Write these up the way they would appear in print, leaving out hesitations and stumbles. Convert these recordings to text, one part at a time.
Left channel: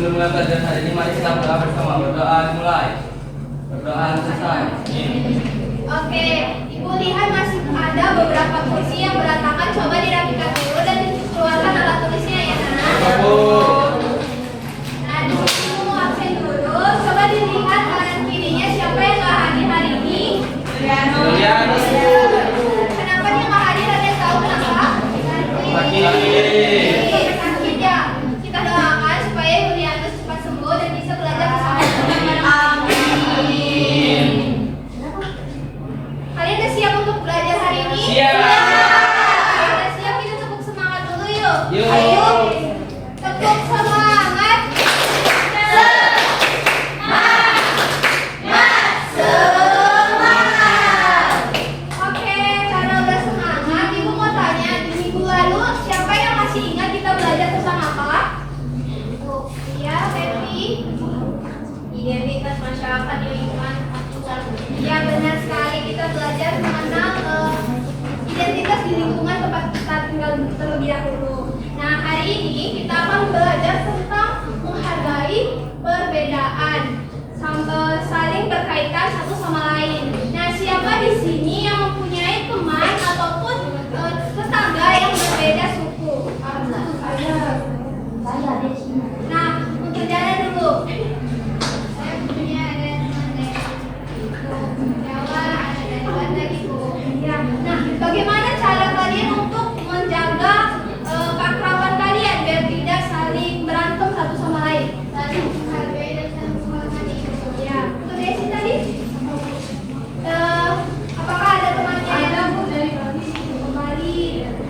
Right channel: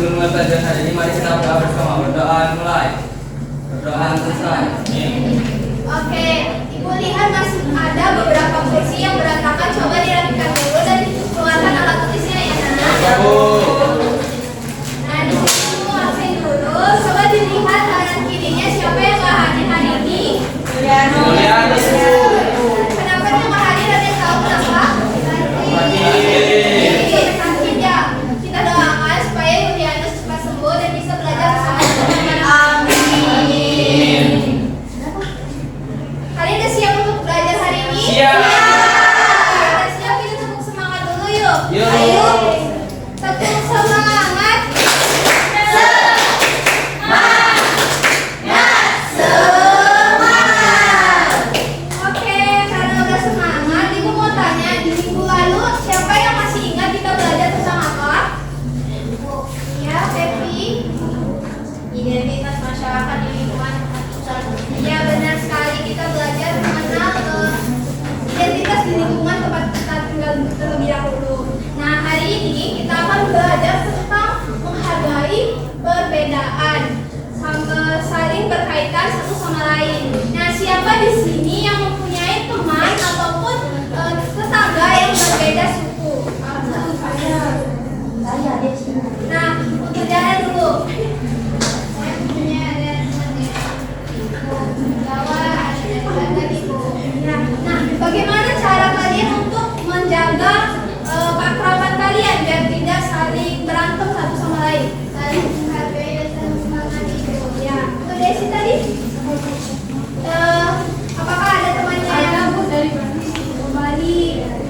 sebelum mulai pelajaran hari ini, mari kita berdoa bersama. Berdoa mulai. Berdoa selesai. Oke, Ibu lihat masih ada beberapa kursi yang berantakan. Coba dirapikan dulu dan dikeluarkan alat tulisnya ya, Nak. Ya, Bu. Nah, di sini Ibu absen dulu. Coba dilihat kanan kirinya siapa yang nggak hadir hari ini. Julianus, Bu. Kenapa dia nggak hadir? Ada yang tahu kenapa? Sakit ya. Kita doakan supaya Julianus cepat sembuh dan bisa belajar bersama teman-teman. Amin. Kalian udah siap untuk belajar hari ini? Siap. Kita siap, kita tepuk semangat dulu yuk. Yuk. Ayo. Tepuk semangat. Oke, karena udah semangat, Ibu mau tanya di minggu lalu siapa yang masih ingat kita belajar tentang apa? Ya, Pepi. Identitas masyarakat di lingkungan tempat usaha. Ya, benar sekali, kita belajar mengenal identitas di lingkungan tempat kita tinggal terlebih dahulu. Nah, hari ini kita akan belajar tentang menghargai perbedaan, saling berkaitan satu sama lain. Nah, siapa di sini yang mempunyai teman ataupun tetangga yang berbeda suku? Nah, untuk jalan dulu. Saya punya ada Jawa, ada dari Ibu. Ya. Nah, bagaimana cara kalian untuk menjaga keakraban kalian biar tidak saling berantem satu sama lain? Saling menghargai dan saling menghormati. Ya, untuk Desi tadi. Apakah ada temannya yang dari Bali?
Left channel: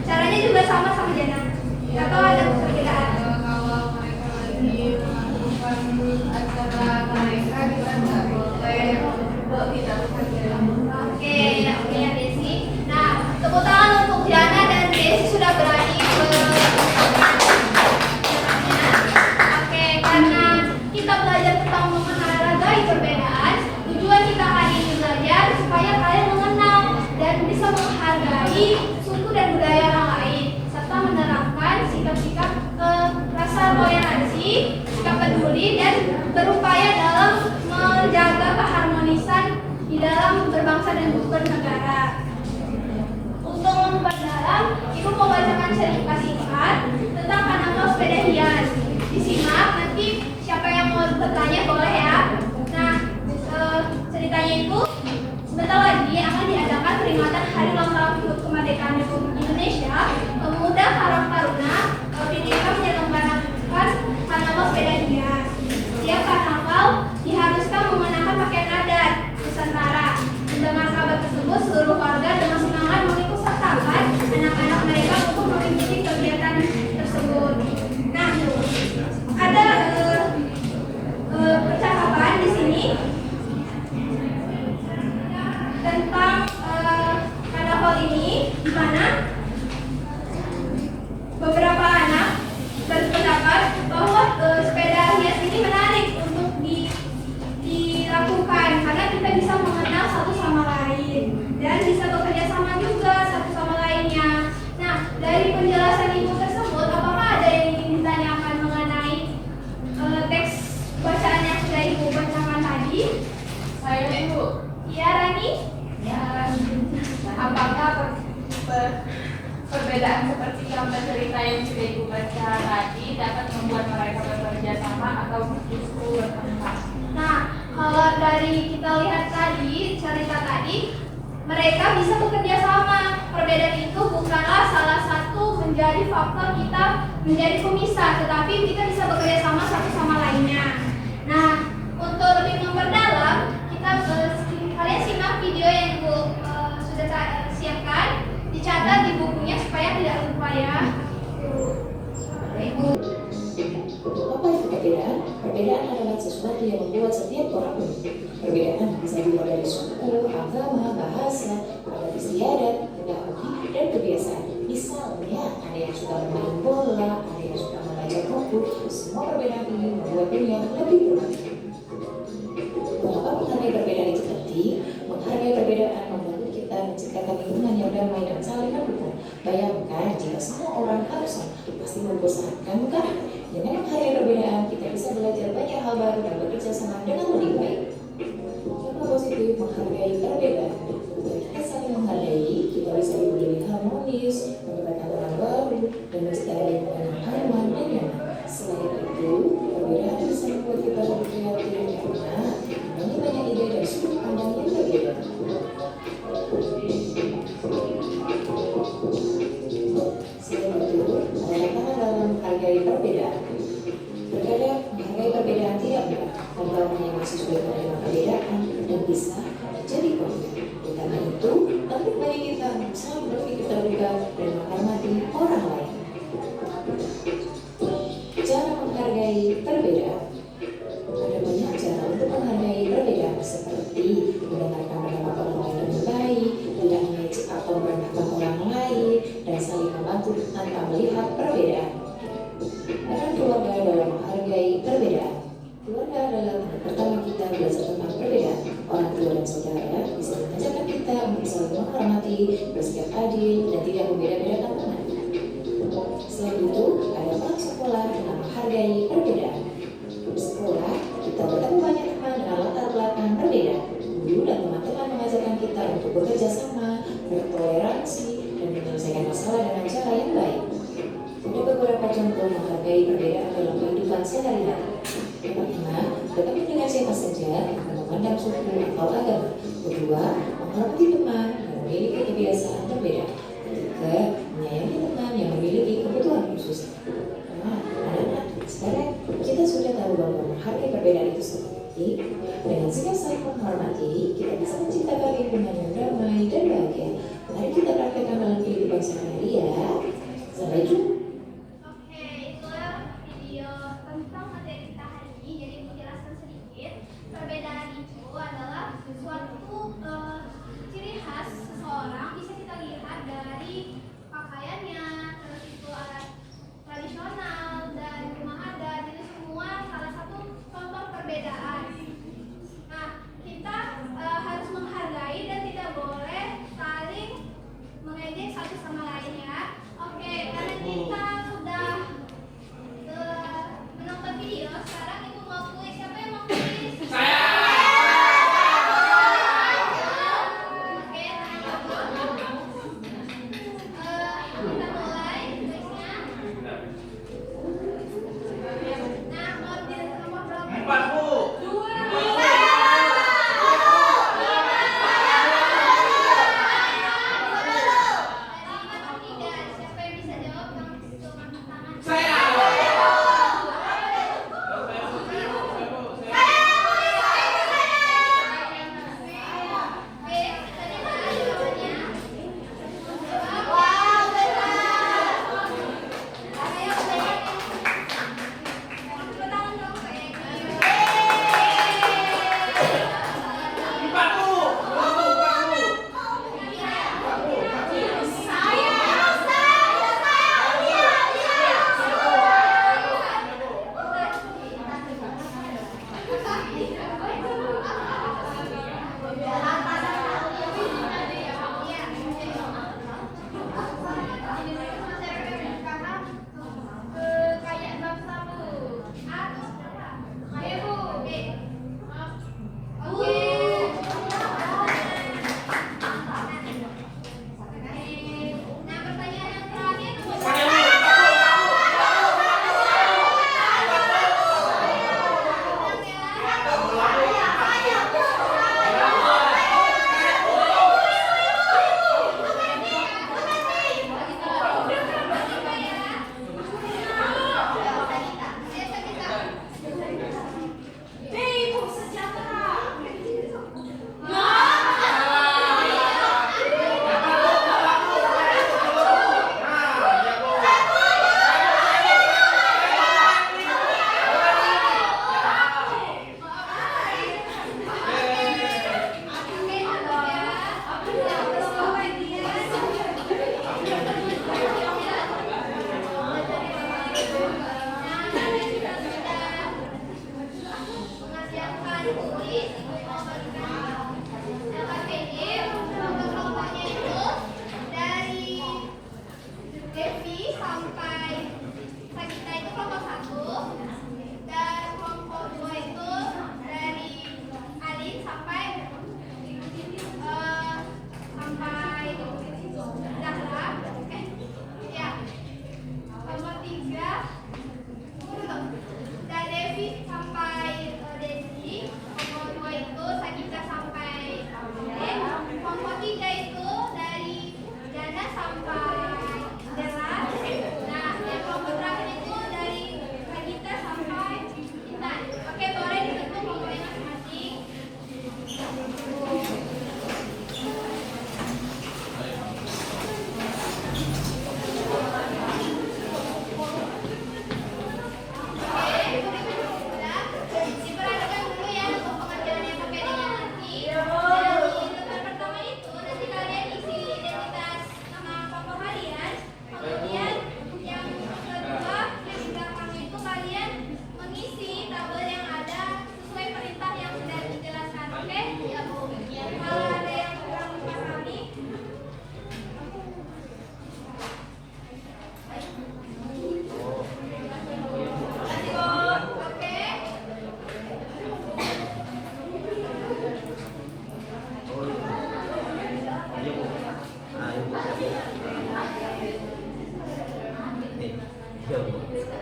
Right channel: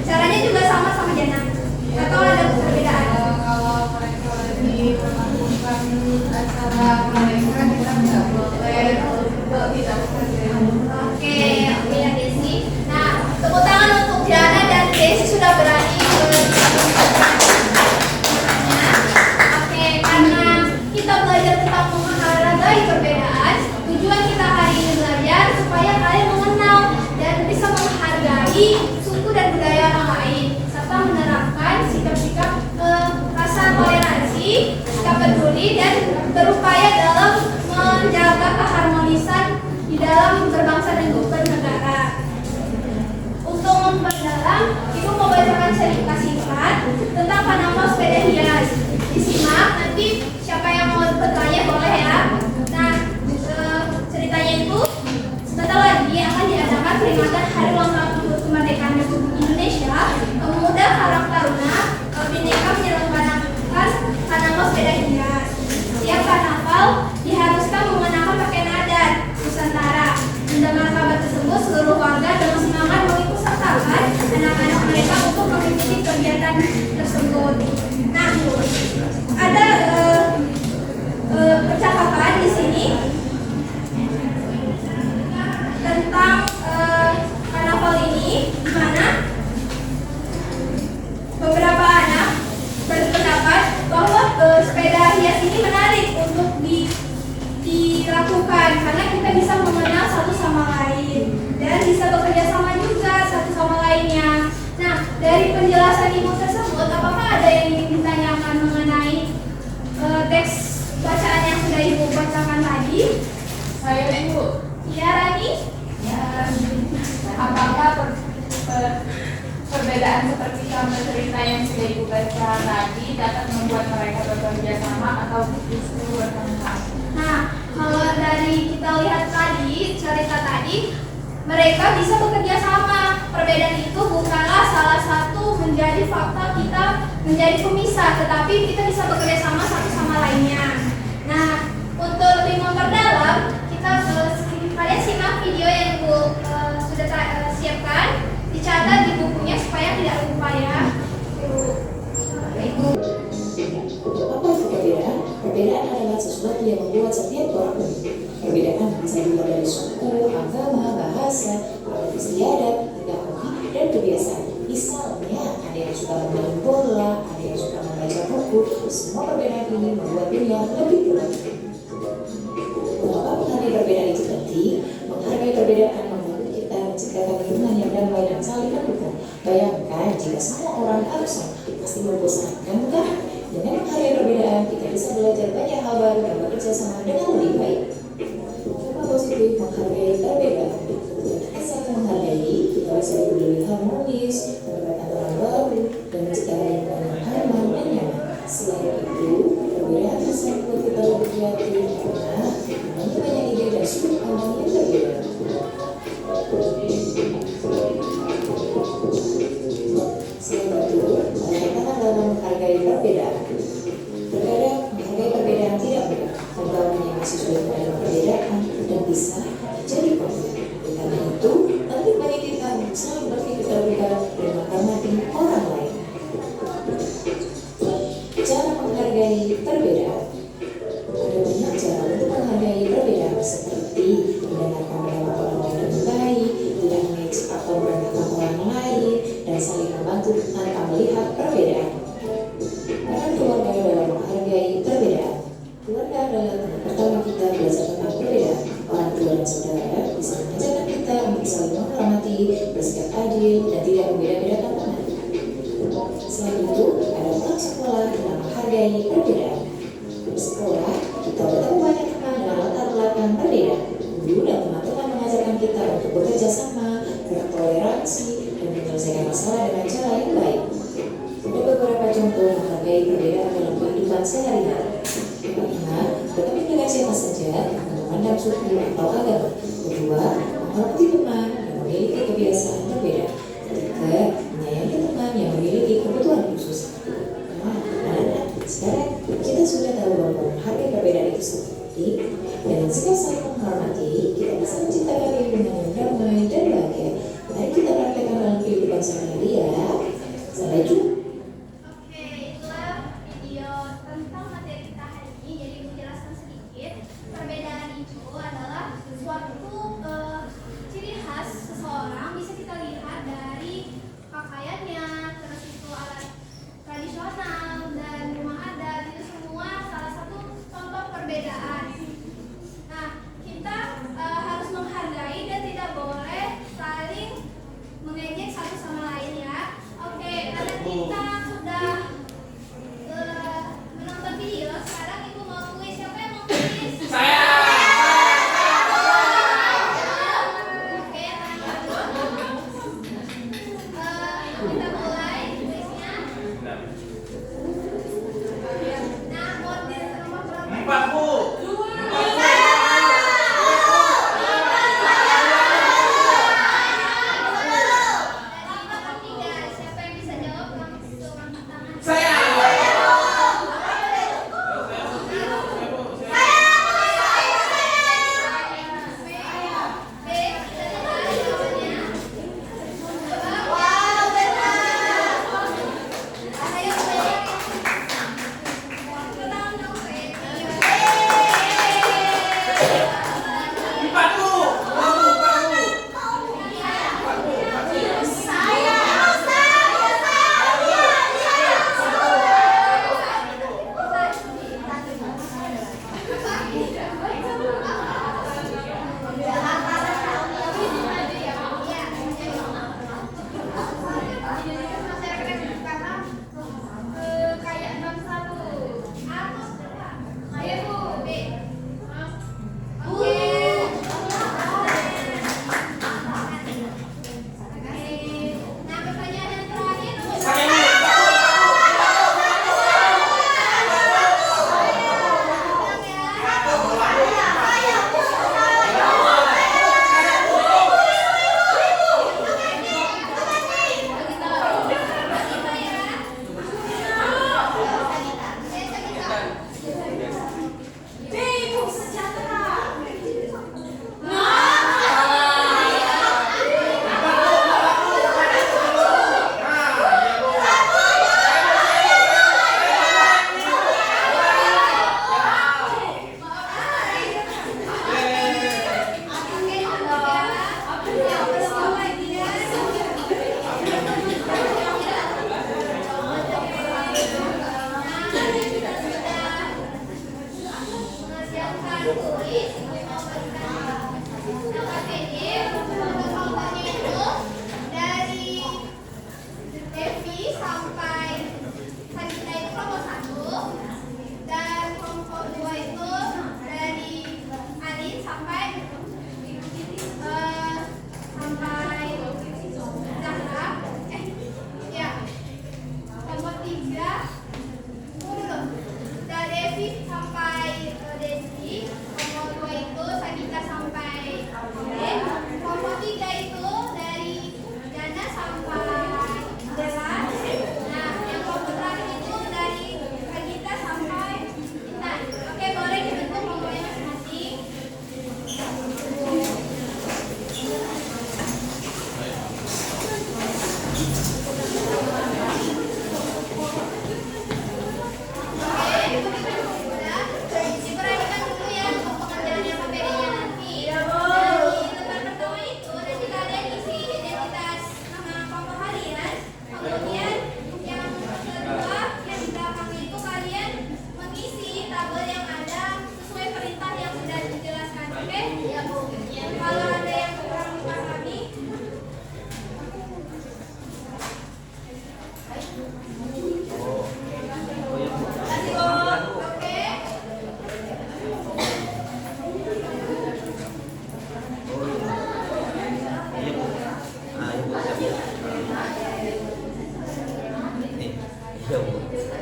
Caranya juga sama Jana. Atau ada perbedaan? Kalau mereka lagi melakukan acara mereka, kita nggak boleh tidak bekerja. Oke ya Desi. Nah, tepuk tangan untuk Jana dan Desi sudah berani Oke, karena kita belajar tentang menghargai perbedaan, tujuan kita hari ini belajar supaya kalian mengenal dan bisa menghargai suku dan budaya orang lain, serta menerapkan sikap-sikap rasa toleransi, sikap peduli, dan berupaya dalam menjaga keharmonisan di dalam berbangsa dan bernegara. Untuk memperdalam, Ibu mau bacakan cerita singkat tentang karnaval sepeda hias. Disimak, nanti siapa yang mau bertanya boleh ya. Nah, ceritanya itu sebentar lagi akan diadakan peringatan Hari Ulang Tahun Kemerdekaan Republik Indonesia. Pemuda Karang Taruna Bhinneka menyelenggarakan karnaval sepeda hias. Setiap karnaval diharuskan mengenakan pakaian adat Nusantara. Mendengar kabar tersebut, seluruh warga dengan semangat mengikutsertakan anak-anak mereka untuk mengikuti kegiatan tersebut. Nah, ada percakapan di sini tentang karnaval ini, di mana beberapa anak berpendapat bahwa sepeda hias ini menarik untuk dilakukan karena kita bisa mengenal satu sama lain dan bisa bekerja sama juga satu sama lainnya. Nah, dari penjelasan Ibu tersebut, apakah ada yang ingin ditanyakan mengenai teks bacaan yang sudah Ibu bacakan tadi? Saya Bu, Ya, Rani? ya, apakah perbedaan seperti contoh cerita yang sudah Ibu baca tadi dapat membuat mereka bekerja sama atau justru bertengkar? Nah, kalau dari kita lihat tadi, cerita tadi, mereka bisa bekerja sama. Perbedaan itu bukanlah salah satu menjadi faktor kita menjadi pemisah, tetapi kita bisa bekerja sama satu sama lainnya. Nah, untuk lebih memperdalam, kalian simak video yang Ibu sudah siapkan, dicatat di bukunya supaya tidak lupa ya. Ibu. Apa itu perbedaan? Perbedaan adalah sesuatu yang membuat setiap orang unik. Perbedaan bisa dilihat dari suku, agama, bahasa, adat istiadat, hingga hobi dan kebiasaan. Misalnya, ada yang suka bermain bola, ada yang suka membaca buku. Semua perbedaan ini membuat dunia lebih luas. Mengapa menghargai perbedaan itu penting? Menghargai perbedaan membantu kita menciptakan lingkungan yang damai dan saling mendukung. Bayangkan jika semua orang harus sama, pasti membosankan, bukan? Dengan menghargai perbedaan, kita bisa bisa belajar banyak hal baru dan bekerja sama dengan lebih baik. Contoh positif menghargai perbedaan. Dengan saling menghargai, kita bisa lebih harmonis, mendapatkan teman baru, dan menciptakan lingkungan yang aman dan nyaman. Selain itu, perbedaan bisa membuat kita lebih kreatif karena memiliki banyak ide dan sudut pandang yang berbeda. Selain itu, tantangan dalam menghargai perbedaan. Terkadang menghargai perbedaan tidak mudah, karena banyak mahasiswa yang menerima perbedaan dan bisa jadi konflik. Karena itu, penting bagi kita untuk selalu berpikir terbuka dan menghormati orang lain. Cara menghargai perbedaan. Ada banyak cara untuk menghargai perbedaan, seperti mendengarkan pendapat orang lain dengan baik, tidak mengejek atau merendahkan orang lain, dan saling membantu tanpa melihat perbedaan. Peran keluarga dalam menghargai perbedaan. Keluarga adalah tempat pertama kita belajar tentang perbedaan. Orang tua dan saudara bisa mengajarkan kita untuk saling menghormati, bersikap adil, dan tidak membeda-bedakan teman. Selain itu, ada peran sekolah dalam menghargai perbedaan. Di sekolah, kita bertemu banyak teman dengan latar belakang berbeda. Guru dan teman-teman mengajarkan kita untuk bekerja sama, bertoleransi, dan menyelesaikan masalah dengan cara yang baik. Ada beberapa contoh menghargai perbedaan dalam kehidupan sehari-hari. Pertama, berteman dengan siapa saja tanpa memandang suku atau agama. Kedua, menghormati teman yang memiliki kebiasaan berbeda. Ketiga, menyayangi teman yang memiliki kebutuhan khusus. Nah, anak-anak, sekarang kita sudah tahu bahwa menghargai perbedaan itu seperti dengan sikap saling menghormati, kita bisa menciptakan lingkungan yang damai dan bahagia. Mari kita praktekkan dalam kehidupan sehari-hari ya. Sampai jumpa. Oke, itulah video tentang materi kita hari ini. Jadi menjelaskan sedikit, perbedaan itu adalah suatu ciri khas seseorang, bisa kita lihat dari pakaiannya, terus itu alat tradisional dan rumah adat, itu semua salah satu contoh perbedaan. Nah, kita harus menghargai dan tidak boleh saling mengejek satu sama lain ya. Oke, karena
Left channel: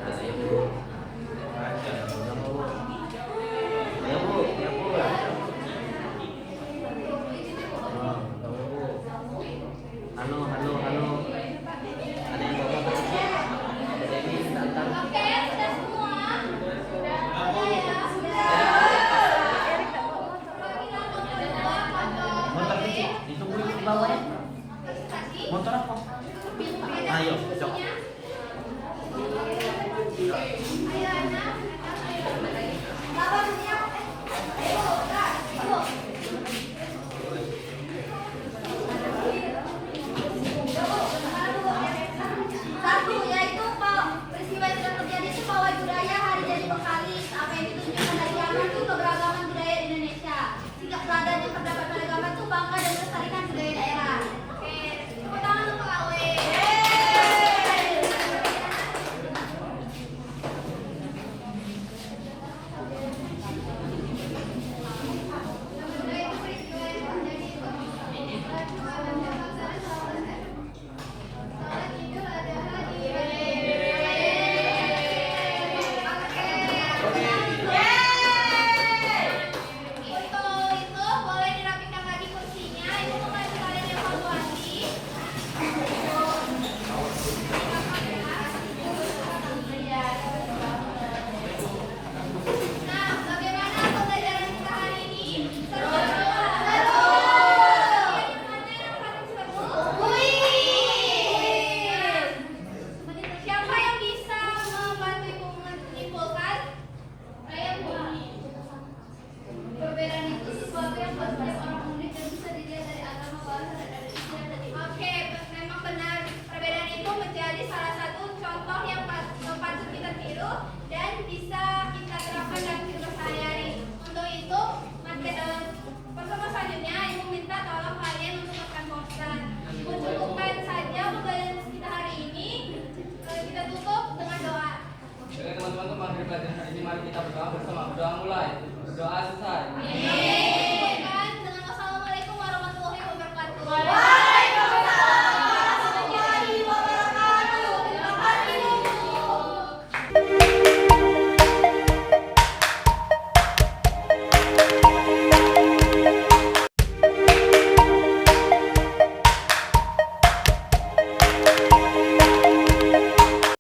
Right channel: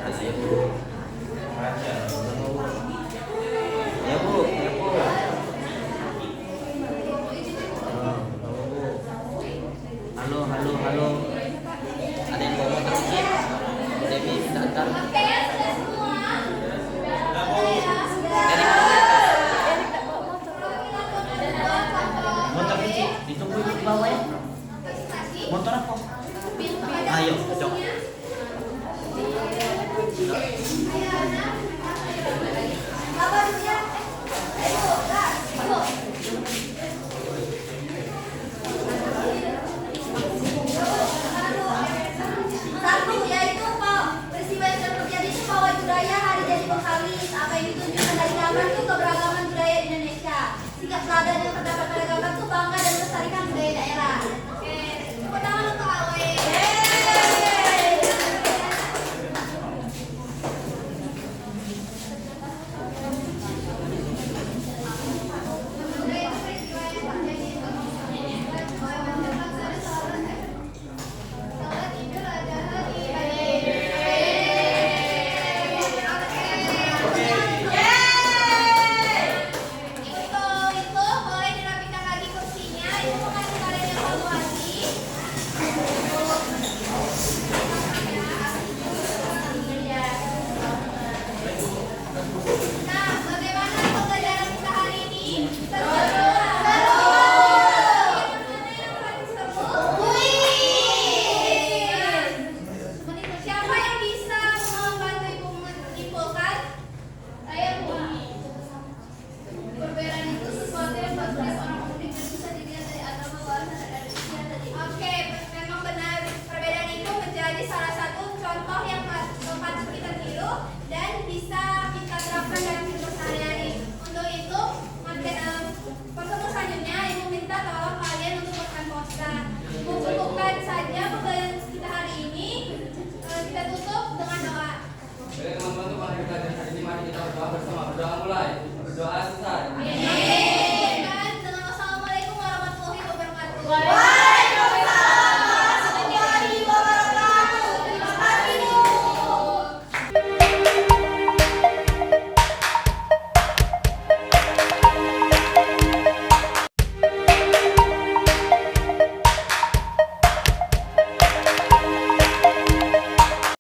Ayo Bu. Sama Bu. Ya Bu, ya Bu. Oh, sama Bu. Halo, halo, halo. Ada yang bawa motor kecil? Bu Devi minta antar. Oke, sudah semua. Sudah ya, sudah. Motor kecil, ditungguin di bawah ya. Presentasi. Motor apa? Ada Ayo, diskusinya. cocok. Ayo, anak. Sabar dulu ya. Ayo, gas. Yuk. Satu, yaitu peristiwa yang sudah terjadi itu Pawai Budaya Hari Jadi Bengkalis. Apa yang ditunjukkan dari gambar itu keberagaman budaya di Indonesia. Sikap teladan yang terdapat pada gambar itu bangga dan melestarikan budaya daerah. Oke, tepuk tangan untuk Awe. Itu boleh dirapikan lagi kursinya. Itu bukan kalian evaluasi. Nah, bagaimana pembelajaran kita hari ini? Seru? Seru! Yang mana yang paling seru? Kuis! Siapa yang bisa membantu ibu menyimpulkan? Saya Bu. Perbedaan itu sesuatu yang buat setiap orang unik dan bisa dilihat dari agama, bahasa, dan usia dari. Oke, memang benar. Perbedaan itu menjadi salah satu contoh yang patut kita tiru dan bisa kita terapkan dalam kehidupan sehari-hari. Untuk itu, pertemuan selanjutnya Ibu minta tolong kalian untuk buatkan poster. Mencukupkan saja pembelajaran kita hari ini. Kita tutup dengan doa. Oke teman-teman, untuk pelajaran hari ini mari kita berdoa bersama. Berdoa mulai. Berdoa selesai.